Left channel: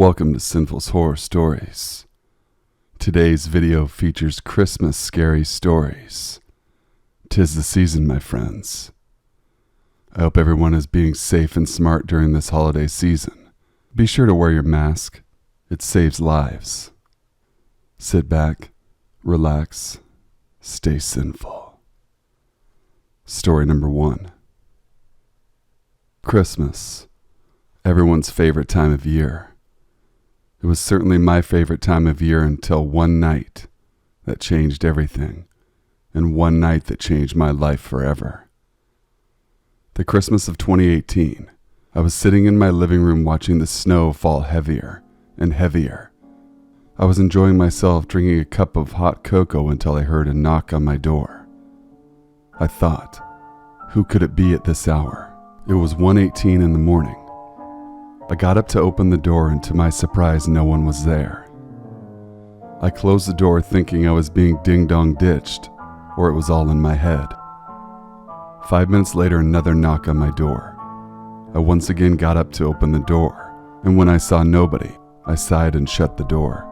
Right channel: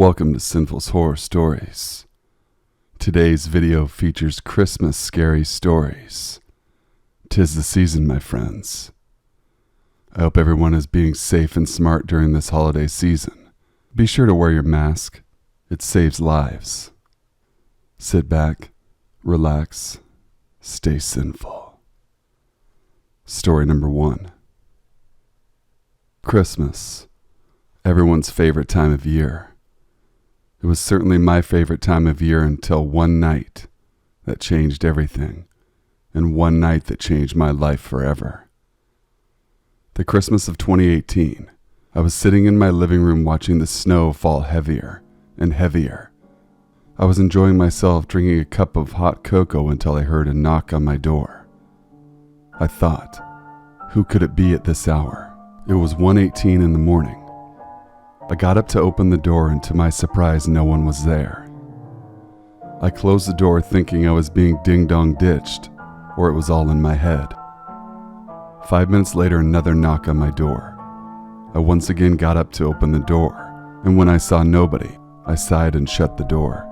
Welcome to Sinful's Horror Stories. Today's video features Christmas scary stories. 'Tis the season, my friends. I hope everyone is being safe and smart during this holiday season. Be sure to wear your mask. It saves lives. Sit back, relax, stay sinful. Story number 1. Christmas. Everyone's favorite time of year. It was certainly my favorite time of year until one night that changed everything, and one night that changed my life forever. The Christmas of 2018, I was sitting in my living room watching the snow fall heavier and heavier. I was enjoying myself drinking a cup of hot cocoa until I heard a knock on my door. I thought, who could it be at this hour? It was 1:18 in the morning. I got up to open the door, and to my surprise, no one was there. I closed the door thinking I was being ding-dong ditched, or it was all in my head. 5 minutes later, another knock on my door. I once again got up to open the door, and when I saw nobody, I sighed and shut the door.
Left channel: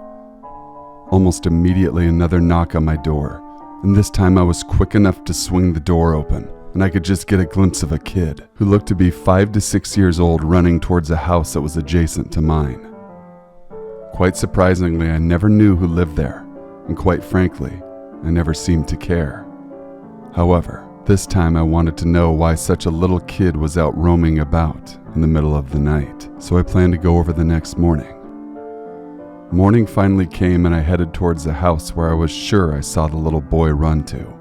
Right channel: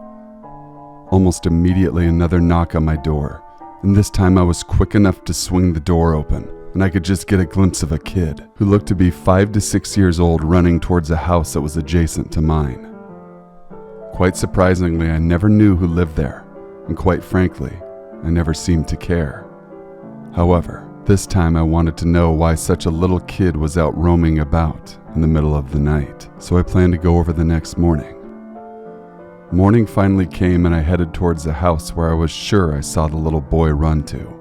Almost immediately, another knock on my door, and this time I was quick enough to swing the door open, and I could just get a glimpse of a kid who looked to be 5 to 6 years old running towards a house that was adjacent to mine. Quite surprisingly, I never knew who lived there, and quite frankly, I never seemed to care. However, this time I wanted to know why such a little kid was out roaming about in the middle of the night, so I planned to go over the next morning. Morning finally came, and I headed towards the house where I was sure I saw the little boy run to.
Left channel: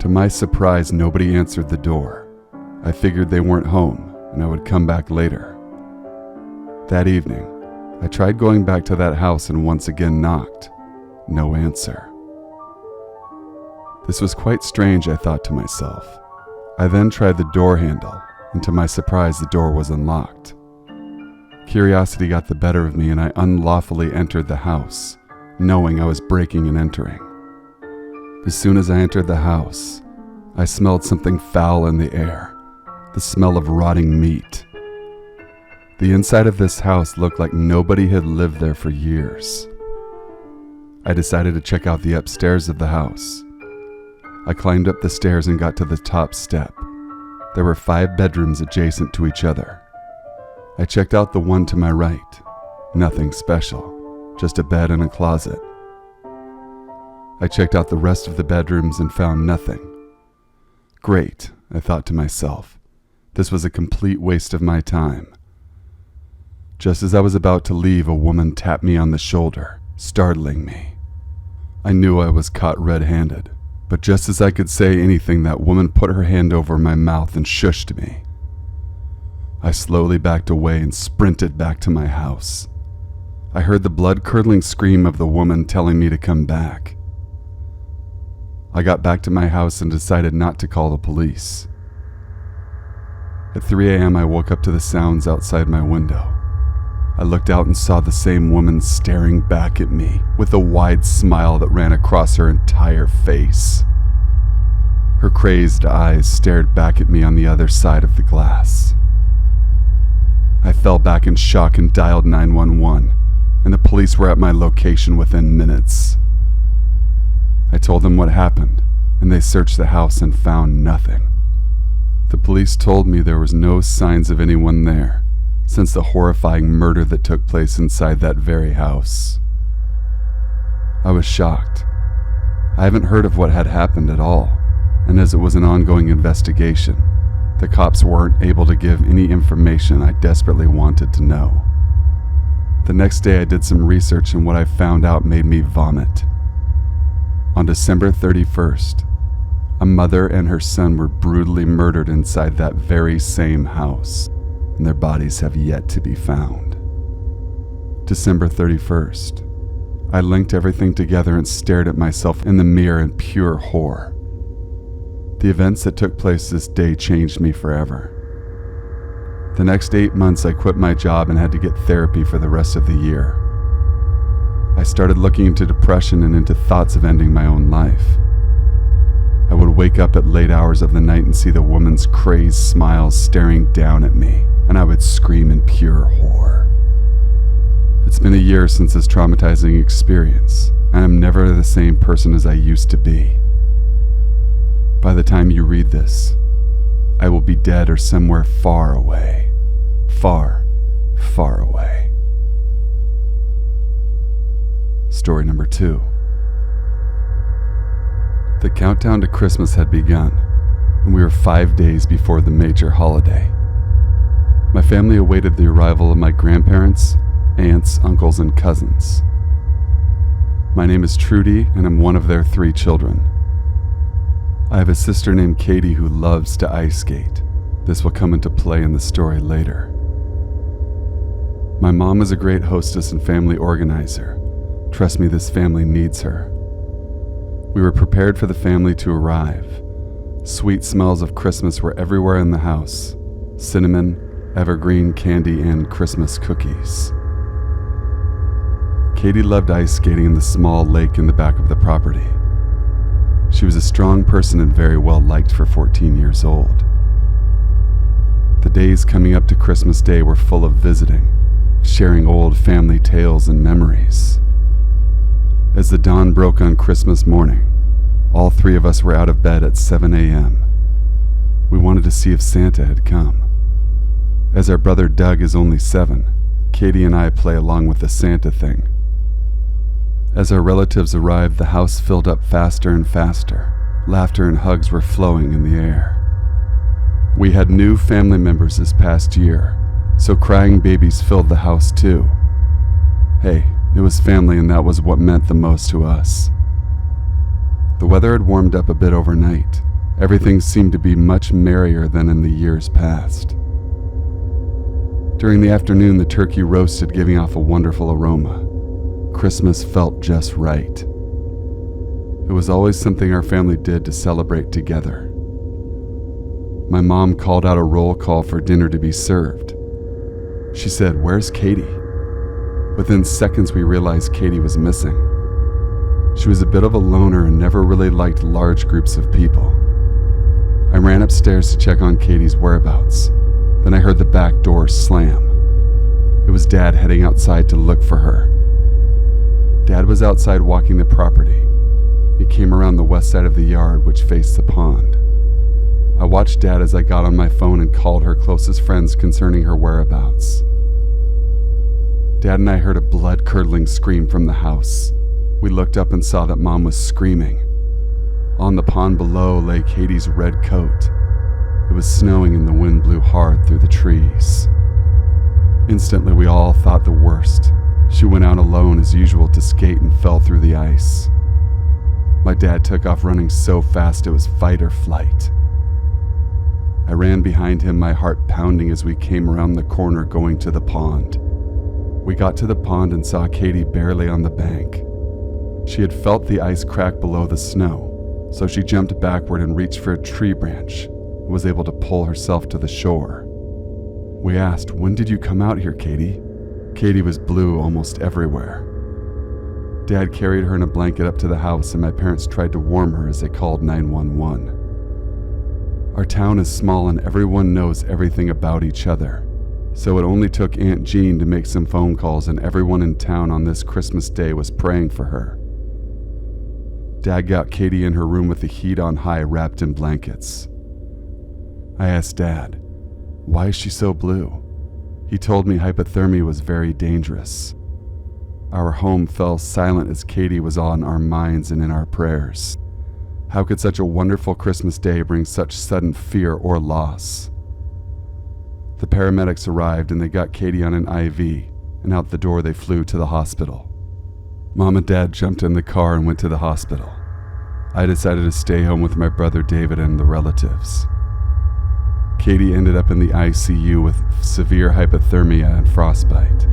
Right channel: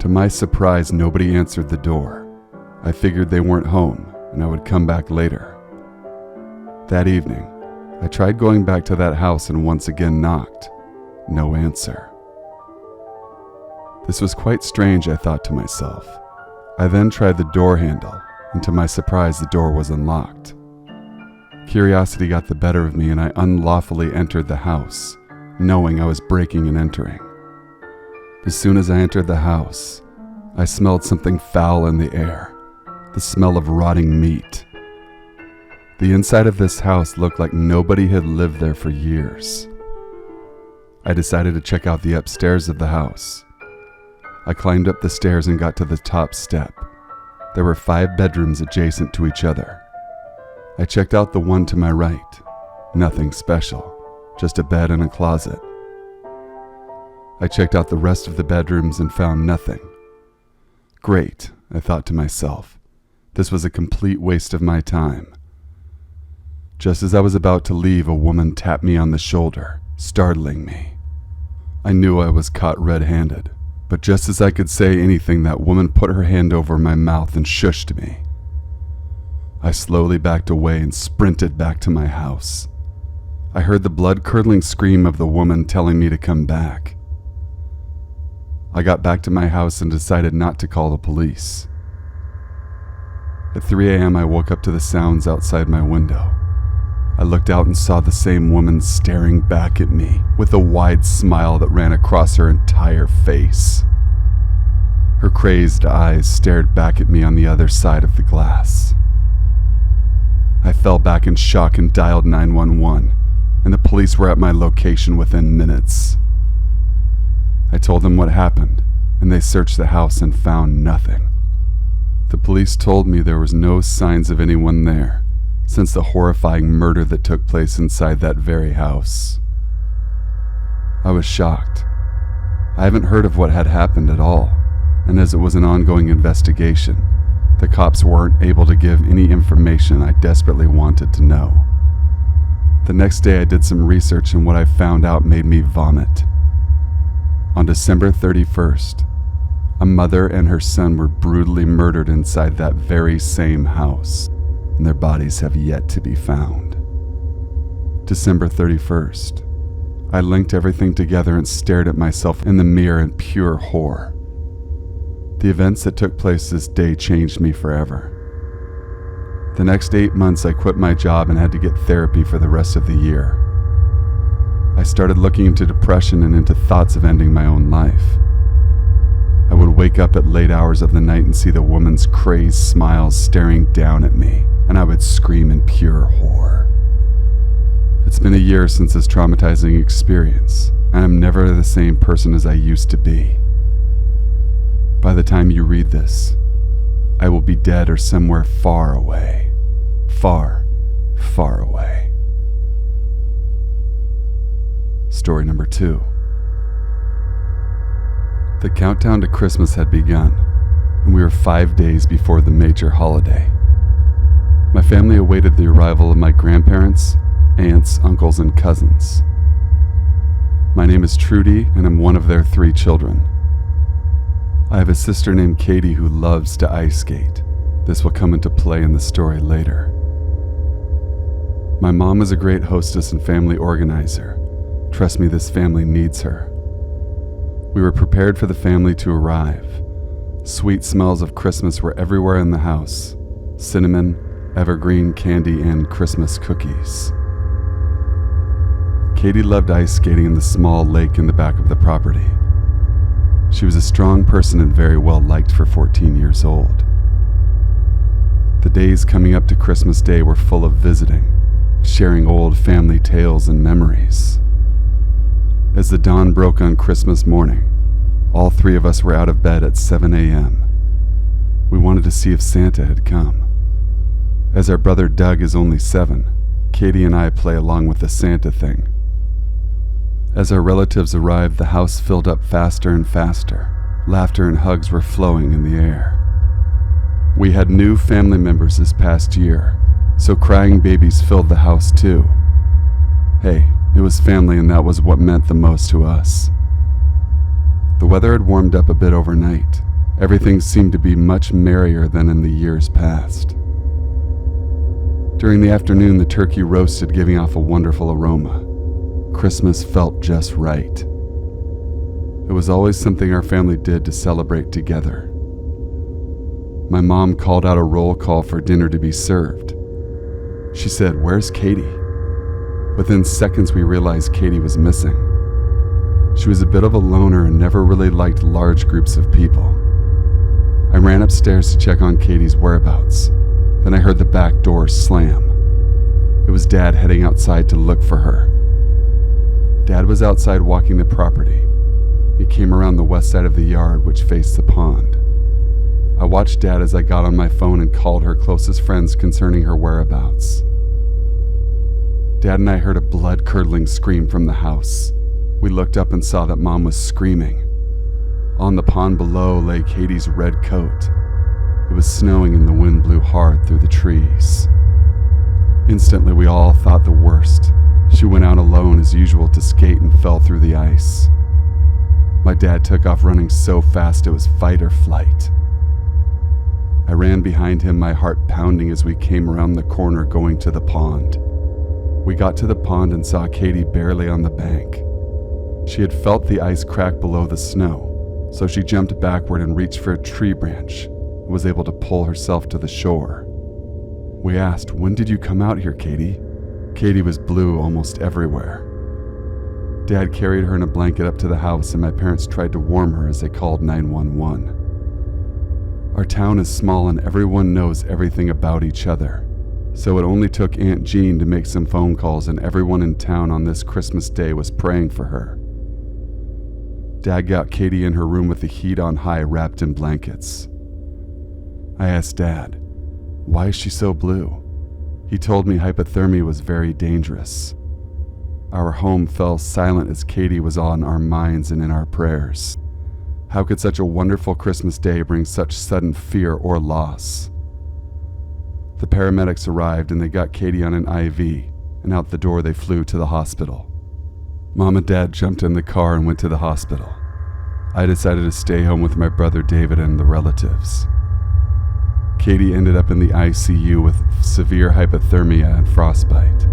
To my surprise, nobody answered the door. I figured they weren't home, and I would come back later. That evening, I tried going back to that house and once again knocked. No answer. This was quite strange, I thought to myself. I then tried the door handle, and to my surprise, the door was unlocked. Curiosity got the better of me, and I unlawfully entered the house, knowing I was breaking and entering. As soon as I entered the house, I smelled something foul in the air, the smell of rotting meat. The inside of this house looked like nobody had lived there for years. I decided to check out the upstairs of the house. I climbed up the stairs and got to the top step. There were 5 bedrooms adjacent to each other. I checked out the one to my right. Nothing special, just a bed and a closet. I checked out the rest of the bedrooms and found nothing. Great, I thought to myself. This was a complete waste of my time. Just as I was about to leave, a woman tapped me on the shoulder, startling me. I knew I was caught red-handed, but just as I could say anything, that woman put her hand over my mouth and shushed me. I slowly backed away and sprinted back to my house. I heard the blood-curdling scream of the woman telling me to come back. I got back to my house and decided not to call the police. At 3 a.m., I woke up to the sounds outside my window. I looked out and saw the same woman staring back at me with a wide smile that ran across her entire face. Her crazed eyes stared back at me on the other side of the glass. I fell back in shock and dialed 911, and the police were at my location within minutes. I told them what happened, and they searched the house and found nothing. The police told me there was no signs of anyone there since the horrifying murder that took place inside that very house. I was shocked. I haven't heard of what had happened at all, and as it was an ongoing investigation, the cops weren't able to give any information I desperately wanted to know. The next day I did some research, and what I found out made me vomit. On December 31st, a mother and her son were brutally murdered inside that very same house, and their bodies have yet to be found. December 31st. I linked everything together and stared at myself in the mirror in pure horror. The events that took place this day changed me forever. The next 8 months, I quit my job and had to get therapy for the rest of the year. I started looking into depression and into thoughts of ending my own life. I would wake up at late hours of the night and see the woman's crazed smiles staring down at me, and I would scream in pure horror. It's been a year since this traumatizing experience, and I'm never the same person as I used to be. By the time you read this, I will be dead or somewhere far away. Far, far away. Story number 2. The countdown to Christmas had begun, and we were 5 days before the major holiday. My family awaited the arrival of my grandparents, aunts, uncles, and cousins. My name is Trudy, and I'm one of their 3 children. I have a sister named Katie who loves to ice skate. This will come into play in the story later. My mom is a great hostess and family organizer. Trust me, this family needs her. We were prepared for the family to arrive. Sweet smells of Christmas were everywhere in the house. Cinnamon, evergreen candy, and Christmas cookies. Katie loved ice skating in the small lake in the back of the property. She was a strong person and very well liked for 14 years old. The days coming up to Christmas Day were full of visiting, sharing old family tales and memories. As the dawn broke on Christmas morning, all 3 of us were out of bed at 7 a.m. We wanted to see if Santa had come. As our brother Doug is only 7, Katie and I play along with the Santa thing. As our relatives arrived, the house filled up faster and faster. Laughter and hugs were flowing in the air. We had new family members this past year, so crying babies filled the house too. Hey, it was family, and that was what meant the most to us. The weather had warmed up a bit overnight. Everything seemed to be much merrier than in the years past. During the afternoon, the turkey roasted, giving off a wonderful aroma. Christmas felt just right. It was always something our family did to celebrate together. My mom called out a roll call for dinner to be served. She said, "Where's Katie?" Within seconds, we realized Katie was missing. She was a bit of a loner and never really liked large groups of people. I ran upstairs to check on Katie's whereabouts. Then I heard the back door slam. It was Dad heading outside to look for her. Dad was outside walking the property. He came around the west side of the yard, which faced the pond. I watched Dad as I got on my phone and called her closest friends concerning her whereabouts. Dad and I heard a blood-curdling scream from the house. We looked up and saw that Mom was screaming. On the pond below lay Katie's red coat. It was snowing and the wind blew hard through the trees. Instantly, we all thought the worst. She went out alone as usual to skate and fell through the ice. My dad took off running so fast it was fight or flight. I ran behind him, my heart pounding as we came around the corner going to the pond. We got to the pond and saw Katie barely on the bank. She had felt the ice crack below the snow, so she jumped backward and reached for a tree branch and was able to pull herself to the shore. We asked, "When did you come out here, Katie?" Katie was blue almost everywhere. Dad carried her in a blanket up to the house, and my parents tried to warm her as they called 911. Our town is small and everyone knows everything about each other, so it only took Aunt Jean to make some phone calls, and everyone in town on this Christmas Day was praying for her. Dad got Katie in her room with the heat on high, wrapped in blankets. I asked Dad, "Why is she so blue?" He told me hypothermia was very dangerous. Our home fell silent as Katie was on our minds and in our prayers. How could such a wonderful Christmas Day bring such sudden fear or loss? The paramedics arrived and they got Katie on an IV, and out the door they flew to the hospital. Mom and Dad jumped in the car and went to the hospital. I decided to stay home with my brother David and the relatives. Katie ended up in the ICU with severe hypothermia and frostbite.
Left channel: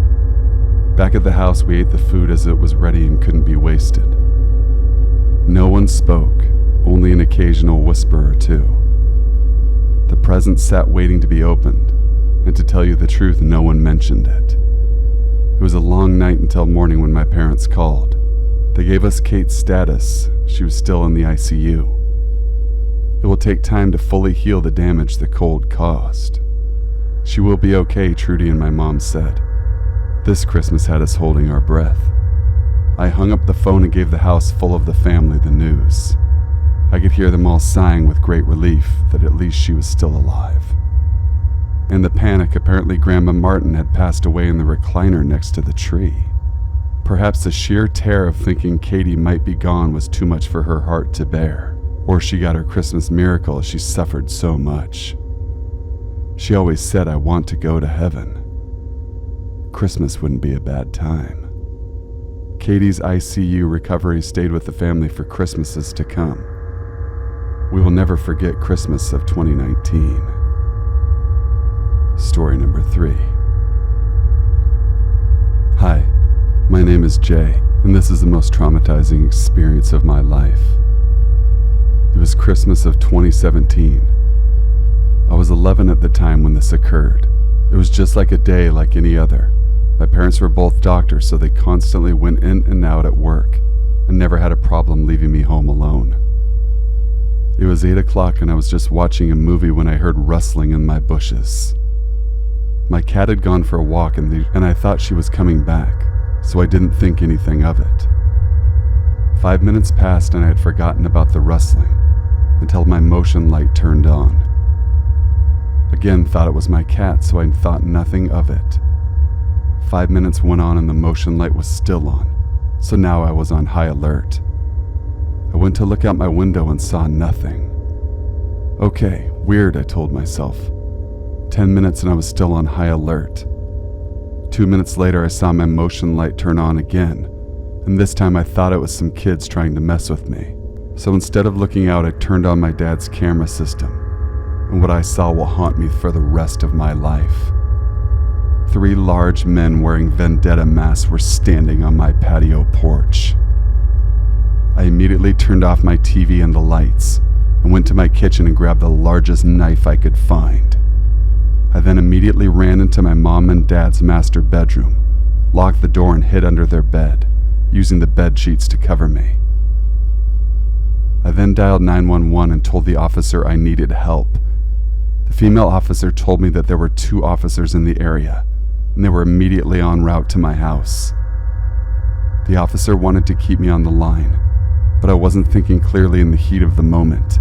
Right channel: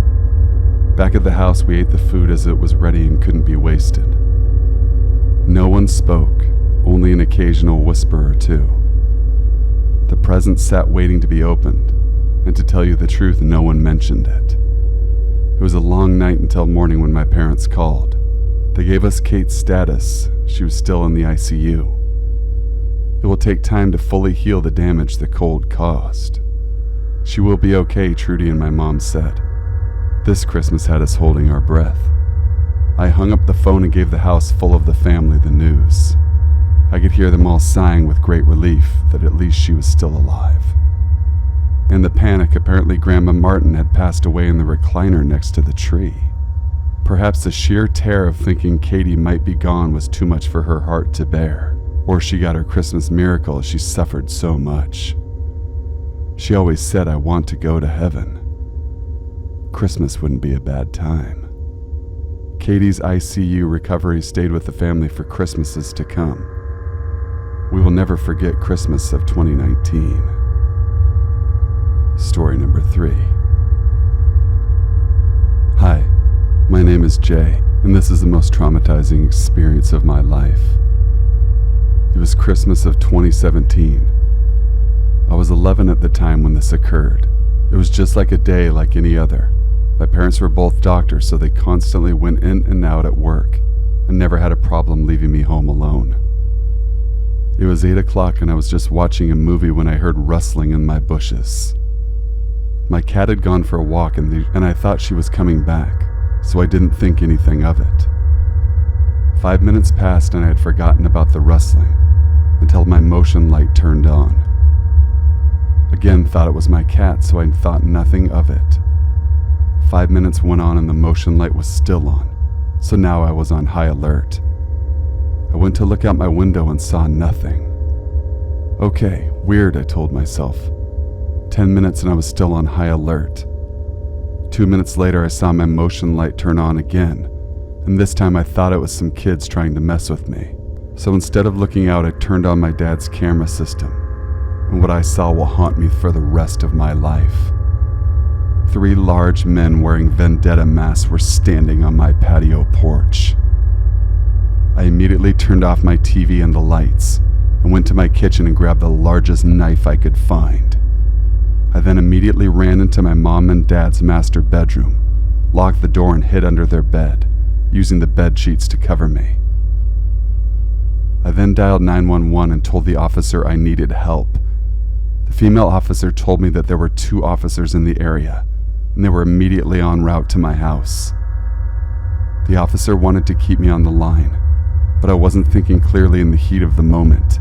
Back at the house, we ate the food as it was ready and couldn't be wasted. No one spoke, only an occasional whisper or two. The presents sat waiting to be opened, and to tell you the truth, no one mentioned it. It was a long night until morning when my parents called. They gave us Kate's status. She was still in the ICU. It will take time to fully heal the damage the cold caused. She will be okay, Trudy and my mom said. This Christmas had us holding our breath. I hung up the phone and gave the house full of the family the news. I could hear them all sighing with great relief that at least she was still alive. In the panic, apparently Grandma Martin had passed away in the recliner next to the tree. Perhaps the sheer terror of thinking Katie might be gone was too much for her heart to bear, or she got her Christmas miracle as she suffered so much. She always said, "I want to go to heaven." Christmas wouldn't be a bad time. Katie's ICU recovery stayed with the family for Christmases to come. We will never forget Christmas of 2019. Story number 3. Hi, my name is Jay, and this is the most traumatizing experience of my life. It was Christmas of 2017. I was 11 at the time when this occurred. It was just like a day like any other. My parents were both doctors, so they constantly went in and out at work and never had a problem leaving me home alone. It was 8 o'clock and I was just watching a movie when I heard rustling in my bushes. My cat had gone for a walk and I thought she was coming back, so I didn't think anything of it. 5 minutes passed and I had forgotten about the rustling until my motion light turned on. Again, thought it was my cat, so I thought nothing of it. 5 minutes went on and the motion light was still on, so now I was on high alert. I went to look out my window and saw nothing. Okay, weird, I told myself. 10 minutes and I was still on high alert. 2 minutes later, I saw my motion light turn on again, and this time I thought it was some kids trying to mess with me. So instead of looking out, I turned on my dad's camera system, and what I saw will haunt me for the rest of my life. 3 large men wearing vendetta masks were standing on my patio porch. I immediately turned off my TV and the lights and went to my kitchen and grabbed the largest knife I could find. I then immediately ran into my mom and dad's master bedroom, locked the door and hid under their bed, using the bed sheets to cover me. I then dialed 911 and told the officer I needed help. The female officer told me that there were 2 officers in the area, and they were immediately en route to my house. The officer wanted to keep me on the line, but I wasn't thinking clearly in the heat of the moment.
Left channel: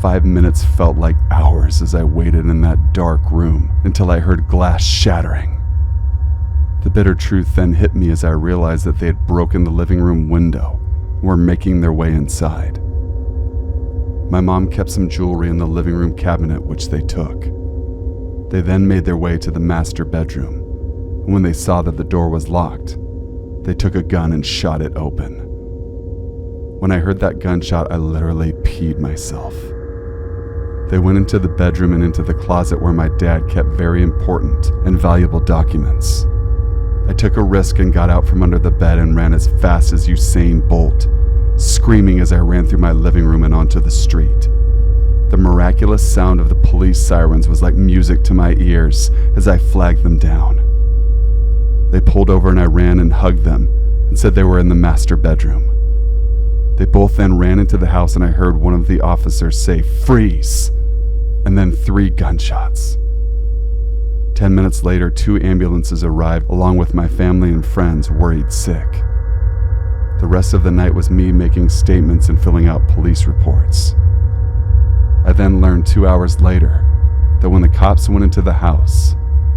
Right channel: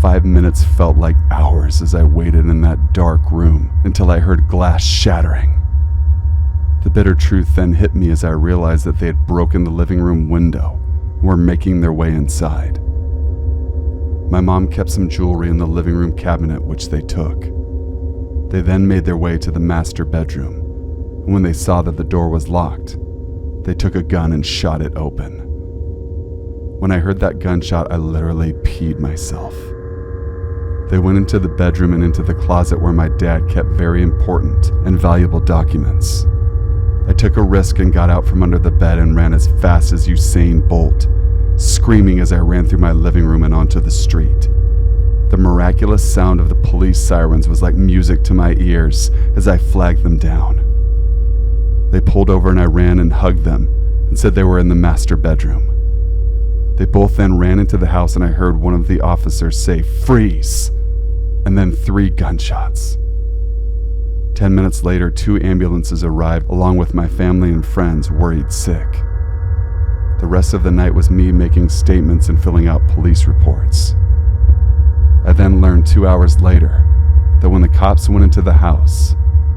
5 minutes felt like hours as I waited in that dark room until I heard glass shattering. The bitter truth then hit me as I realized that they had broken the living room window and were making their way inside. My mom kept some jewelry in the living room cabinet, which they took. They then made their way to the master bedroom, and when they saw that the door was locked, they took a gun and shot it open. When I heard that gunshot, I literally peed myself. They went into the bedroom and into the closet where my dad kept very important and valuable documents. I took a risk and got out from under the bed and ran as fast as Usain Bolt, screaming as I ran through my living room and onto the street. The miraculous sound of the police sirens was like music to my ears as I flagged them down. They pulled over and I ran and hugged them and said they were in the master bedroom. They both then ran into the house and I heard one of the officers say, "Freeze!" and then 3 gunshots. 10 minutes later, 2 ambulances arrived along with my family and friends worried sick. The rest of the night was me making statements and filling out police reports. I then learned 2 hours later that when the cops went into the house,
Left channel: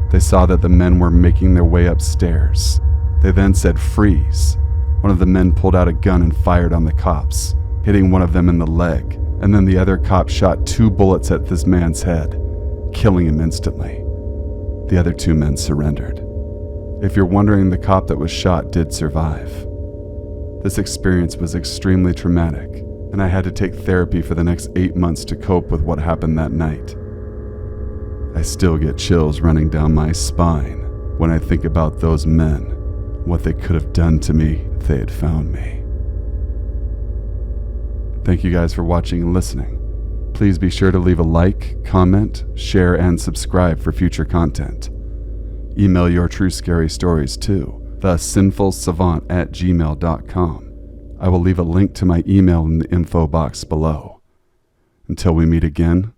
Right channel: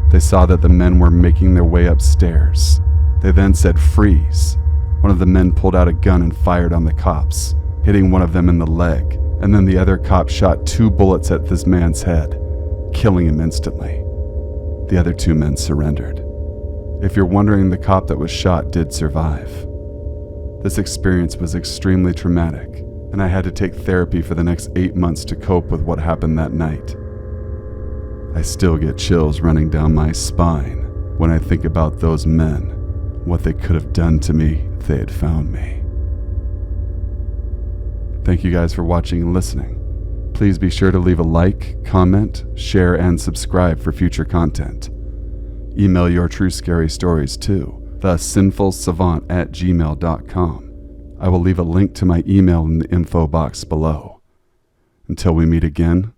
they saw that the men were making their way upstairs. They then said, "Freeze." One of the men pulled out a gun and fired on the cops, hitting one of them in the leg, and then the other cop shot 2 bullets at this man's head, killing him instantly. The other 2 men surrendered. If you're wondering, the cop that was shot did survive. This experience was extremely traumatic, and I had to take therapy for the next 8 months to cope with what happened that night. I still get chills running down my spine when I think about those men, what they could have done to me if they had found me. Thank you guys for watching and listening. Please be sure to leave a like, comment, share, and subscribe for future content. Email your true scary stories to thesinfulsavant@gmail.com. I will leave a link to my email in the info box below. Until we meet again,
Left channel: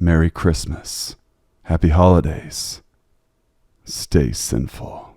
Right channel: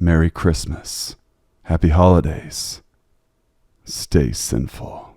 Merry Christmas, Happy Holidays, Stay sinful.